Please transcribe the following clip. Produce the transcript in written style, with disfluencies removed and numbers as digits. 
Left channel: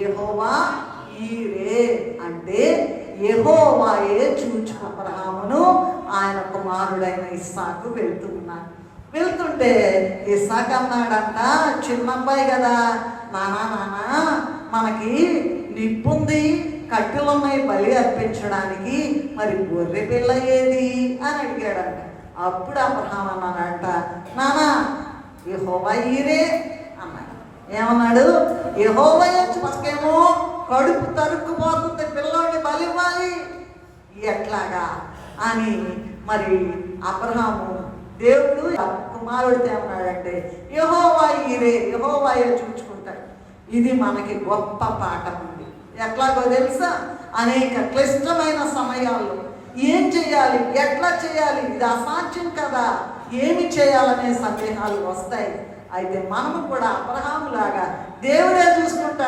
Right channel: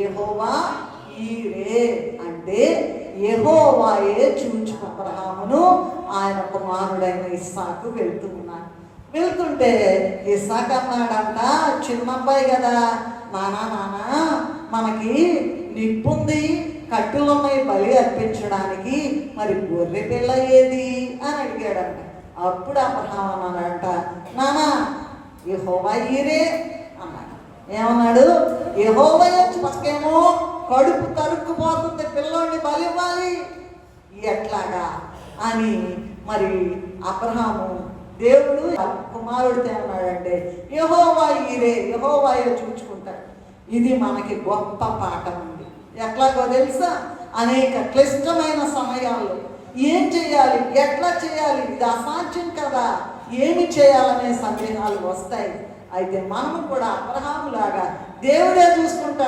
యెహోవా ఈరే అంటే యెహోవాయే చూచుకు అబ్రహామును ఆయన కుమారుడైన ఇస్సాకు వెళ్తుంటే ఇస్సాకు అన్నాడంట, చిన్నబ్బాయి కదా, నానా మనకి నిప్పుంది, కట్టెలున్నాయి బలి అర్పించడానికి, మరి గొర్రె పిల్ల ఏది అని అడిగాడంట. అప్పుడు అబ్రహాం అన్నాడంట, నానా యెహోవా ఈరే అన్నాడు. ఏమన్నాడు? యెహోవా పక్కేమో కడుపు తరుక్కుపోతుంది, పిల్లోడిని బలివ్వాలి, ఎట్లాగా అని మరి అబ్రహాము దేవుడు కుమారుడితో ఏమన్నాడంటే యెహోవా ఈరే, యెహోవాయే చూచుకుంటాడు. ఇది మనకి గొప్ప పాఠం ఉంది. ఎట్లాగో తెలుసా? అనేక క్లిష్టమైన సమయాల్లో ఏం చేయాలి, ఎట్లా చేయాలి, ఇది అసాధ్యం కదా, ఏమి చేయాలనే సందేహాలు వస్తాయి. అయితే మనము కూడా అబ్రహాములాగా దేవుడే చూసుకుంటాడు.